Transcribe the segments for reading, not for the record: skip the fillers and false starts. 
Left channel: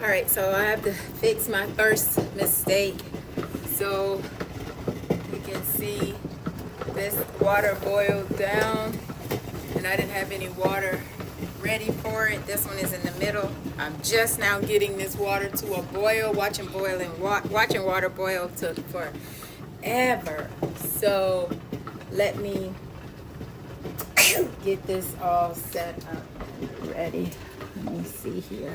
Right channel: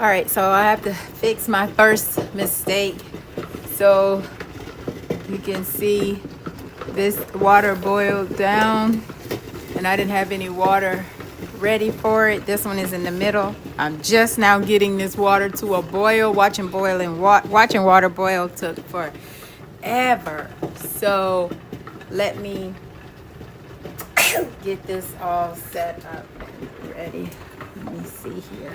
All right, so I have to fix my first mistake. So you can see this water boiled down and I didn't have any water ready for it. This one is in the middle. I'm just now getting this water to a boil. Watching water boil took forever. So let me get this all set up and ready. Let me see here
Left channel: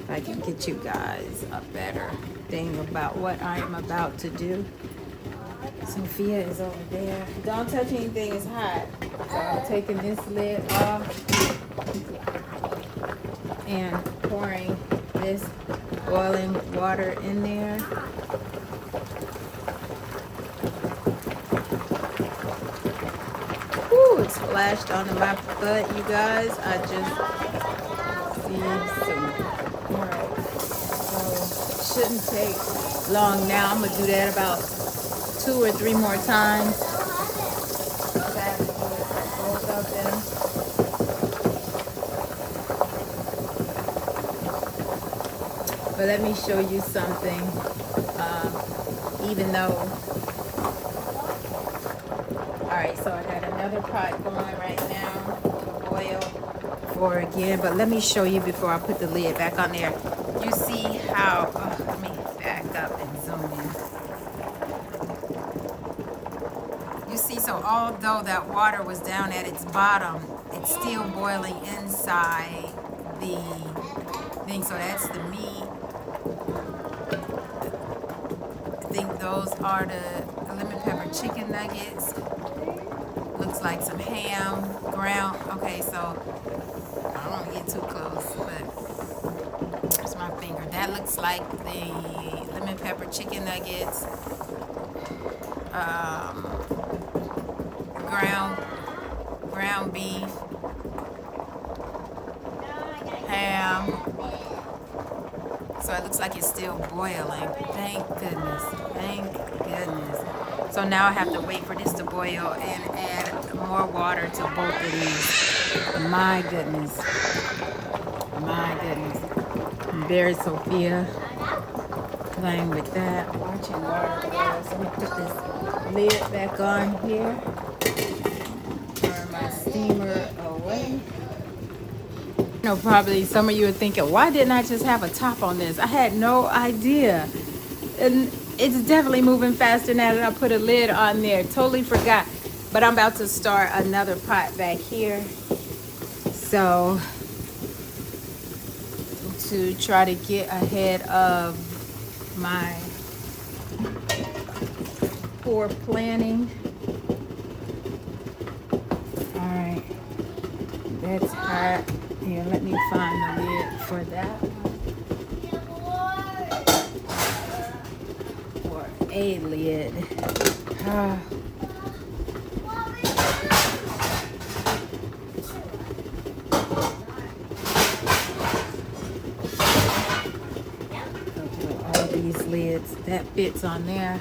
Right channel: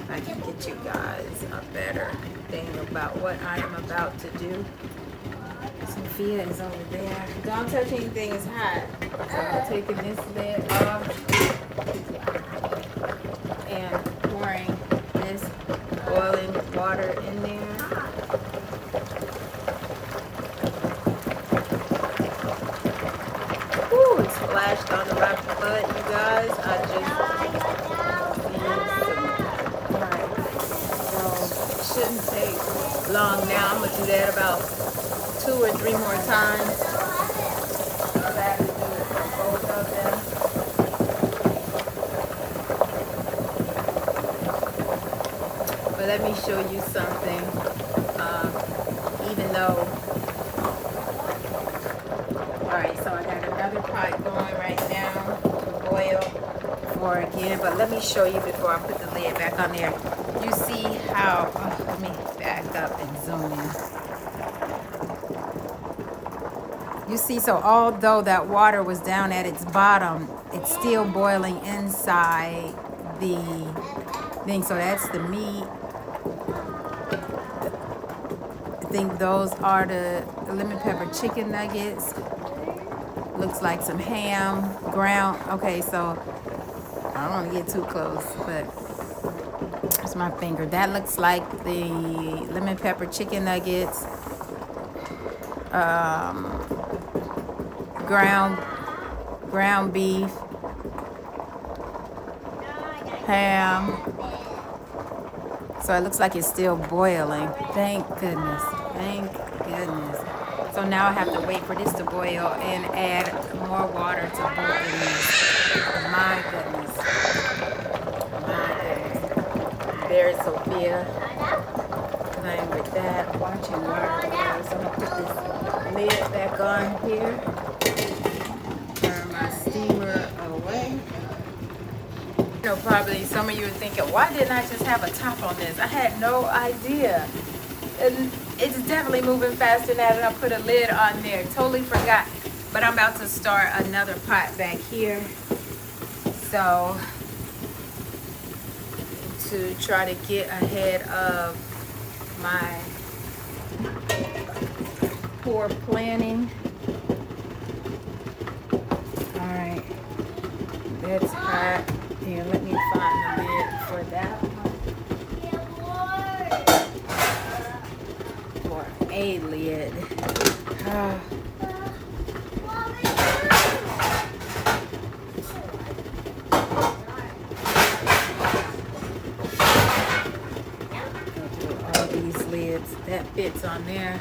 if I can get you guys a better thing about what I'm about to do. Sophia is over there. Don't touch anything, it's hot. So I'm taking this lid off and pouring this boiling water in there. Ooh, it splashed on my foot, you guys. I just shouldn't take long now. I'm gonna do that about 2 or 3 more times. So that is something. But let me show you something. Even though, all right, so I got another pot going right now to boil for again. But let me show you before I put the lid back on there. You see how? Let me back up and zoom in. You see, so although that water was down at its bottom, it's still boiling inside the thing. So that's the meat. I think those are the lemon pepper chicken nuggets. Looks like some ham, ground. Okay, so I don't want to get too close, but that's my finger. That looks like the lemon pepper chicken nuggets. Ground beef, ham. So it looks like it's still boiling. Thank goodness. Thank goodness. So now I have to wait for this to boil and add more water to both of these. My goodness. My goodness. There's Sophia playing with that, watching water. So I'm gonna put this lid back on here. Turn my steamer away. You know, probably some of you are thinking, why didn't I just have a top on this? I had no idea. And it's definitely moving faster now that I put a lid on there. Totally forgot. But I'm about to start another pot back here. So, to try to get ahead of my poor planning. Alright. That's hot. Here, let me find the lid for that one. Or a lid. All these lids, that fits on there.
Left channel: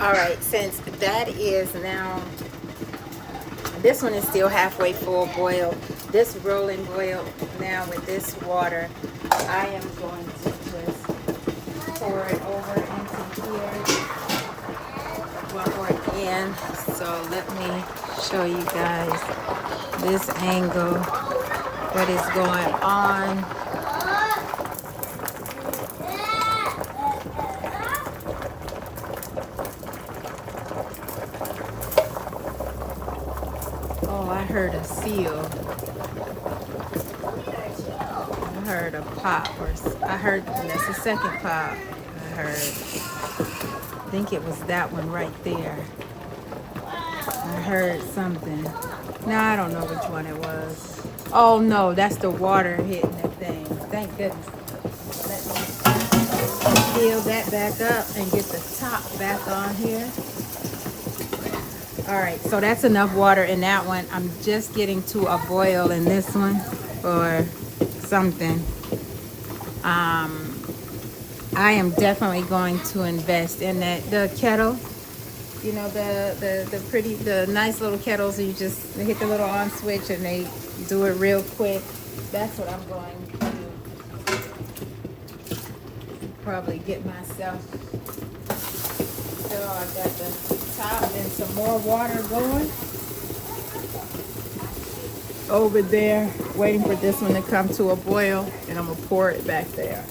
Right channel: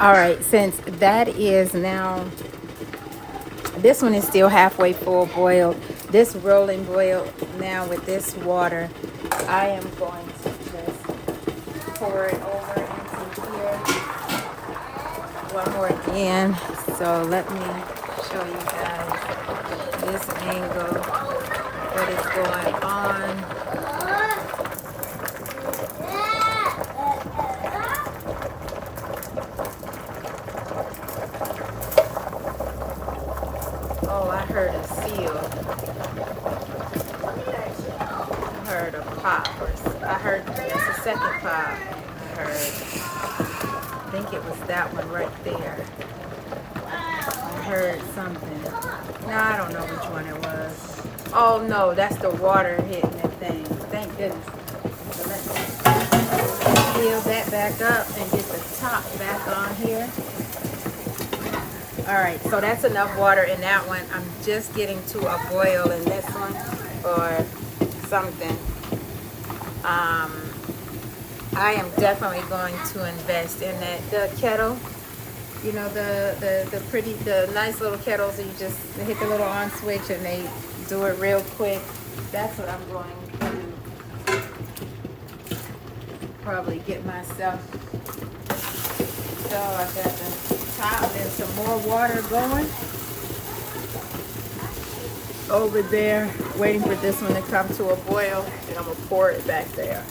All right, since that is now, this one is still halfway full boiled. This rolling boil now with this water, I am going to just pour it over into here one more again. So let me show you guys this angle that is going on. I heard a seal. I heard a pop. I heard there's a second pop. I think it was that one right there. I heard something. No, I don't know which one it was. Oh no, that's the water hitting the thing. Thank goodness. Let's fill that back up and get the top back on here. All right, so that's enough water in that one. I'm just getting to a boil in this one or something. I am definitely going to invest in that kettle You know, the nice little kettles, you just hit the little on switch and they do it real quick. That's what I'm going to do. Probably get myself. So I got the top and some more water going over there, waiting for this one to come to a boil, and I'm gonna pour it back there.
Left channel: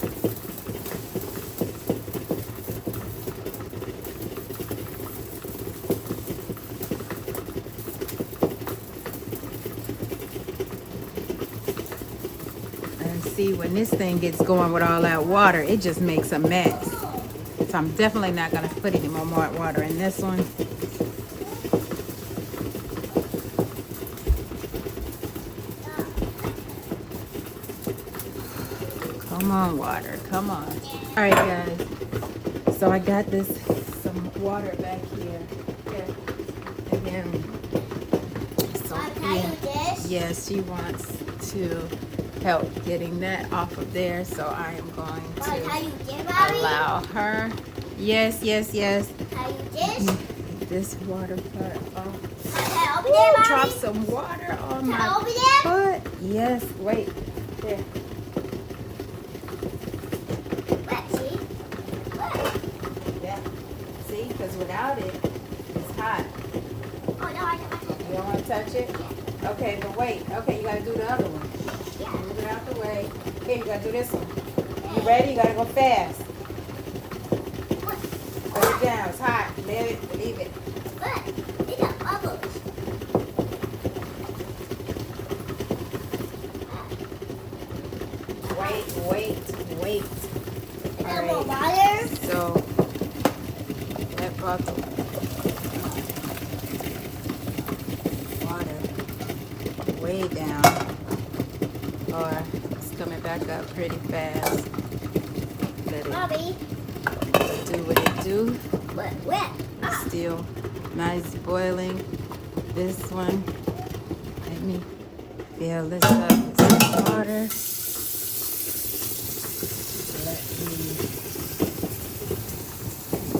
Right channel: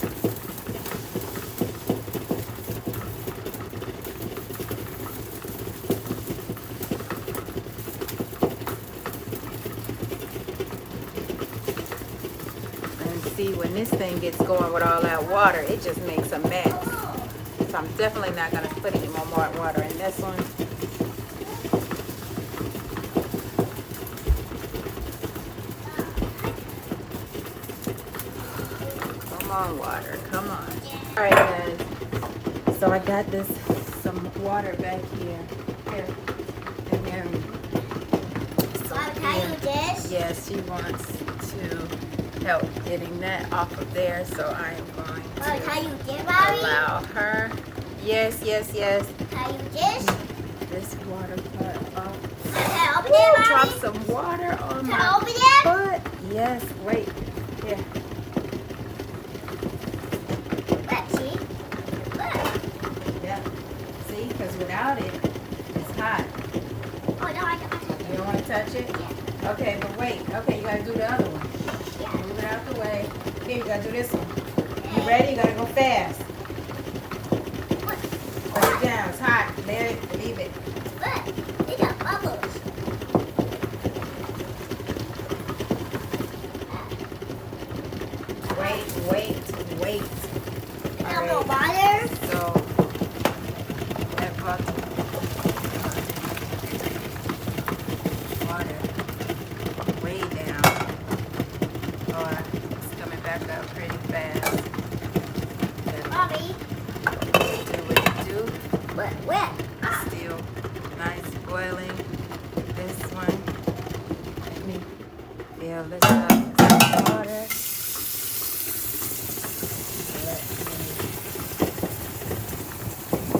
See, when this thing gets going with all that water, it just makes a mess. So I'm definitely not going to put any more water in this one. Come on, water. Come on. All right, guys. So I got some water back here. Here. And then, Can I do this? yes, she wants to help getting that off of there, so I am going to Can you do, Mommy? allow her. Yes, yes, yes. Can you this? This water cut off. Can I open Ooh, it, drop Mommy? some water on Can I my open it? foot. Yes, wait. Here. What, see? What? Yeah. See, because without it, it's hot. Oh, no, I don't. You don't want to touch it? Okay, but wait. Okay, you got to do the other one. Move it out the way. Here, you gotta do this one. You ready? You gotta go fast. Put it down. It's hot. Let it. Leave it. What? They got bubbles. Wait. You got more water? So, that bottle. Water. Way down. It's coming back up pretty fast. Mommy. Do what it do. Where? Still nice boiling. This one. Let me fill this up with some water.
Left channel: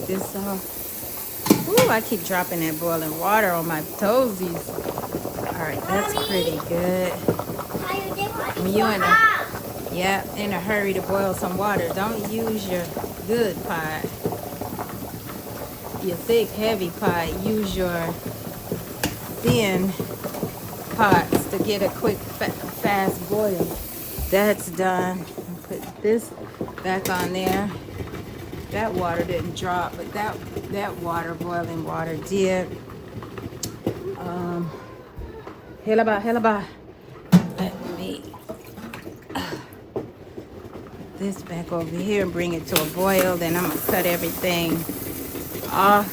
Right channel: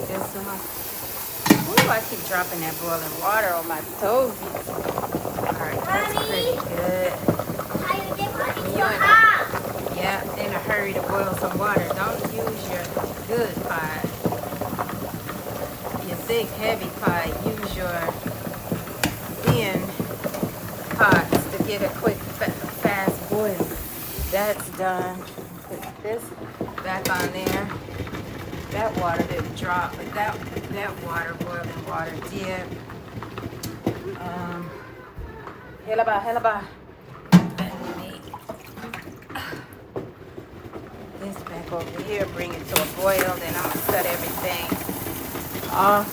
This one. Ooh, I keep dropping that boiling water on my toesies. Alright, that's pretty good. How you dip it? You in a, yeah, in a hurry to boil some water. Don't use your good pot. Your thick, heavy pot. Use your thin pots to get a quick, fast boil. That's done. Put this back on there. That water didn't drop, but that water, boiling water, did. Helaba. Let me this back over here, bring it to a boil, then I'm gonna cut everything off.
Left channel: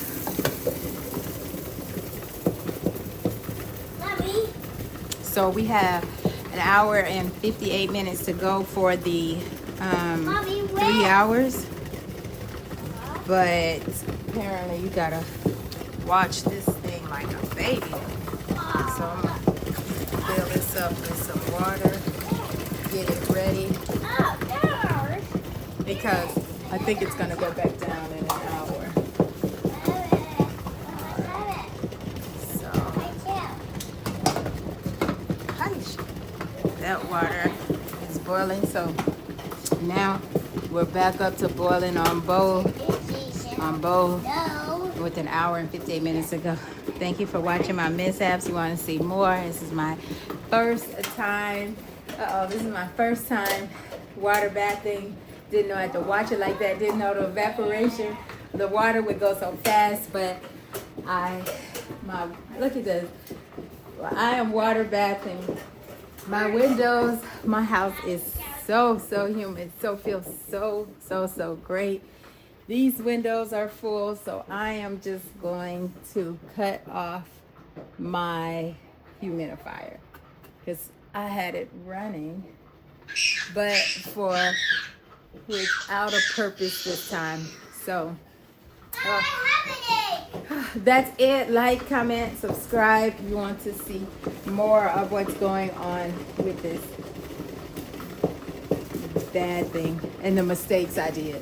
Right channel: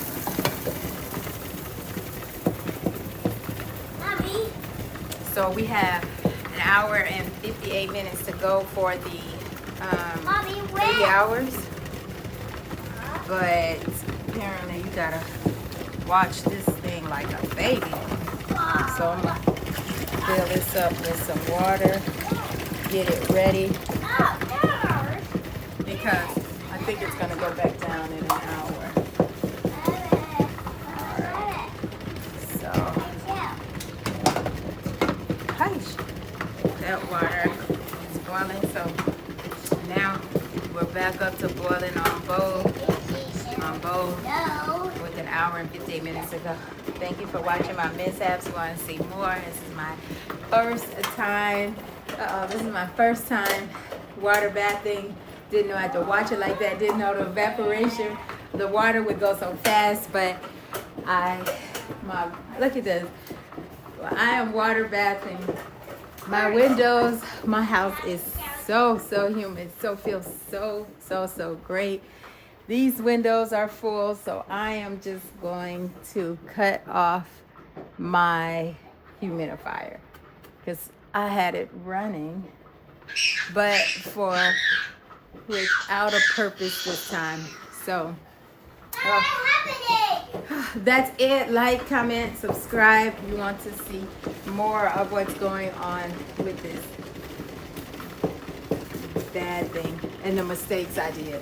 Mommy. So we have an hour and 58 minutes to go for the Mommy, 3 where? hours. But apparently you gotta watch this thing like a baby. So I'm gonna fill this up with some water, get it ready, because I think it's gonna go back down in an hour. Alright. So that water is boiling, so now we're back up to boiling on bowl with an hour and 15 minutes to go. Thank you for watching my mishaps. If you want to see more, this is my first time. This is my first time water bathing. Didn't know I had to watch it like that. Didn't know the evaporation. The water would go so fast, but look at this. I am water bathing. My windows, my house is so humid. So feels so great. These windows are full, so I am just going to cut off my humidifier because I had it running, but without a purpose this time. So that's it. Like, comment, subscribe if you want to see more of what's going on with this bad thing and the mistakes I did.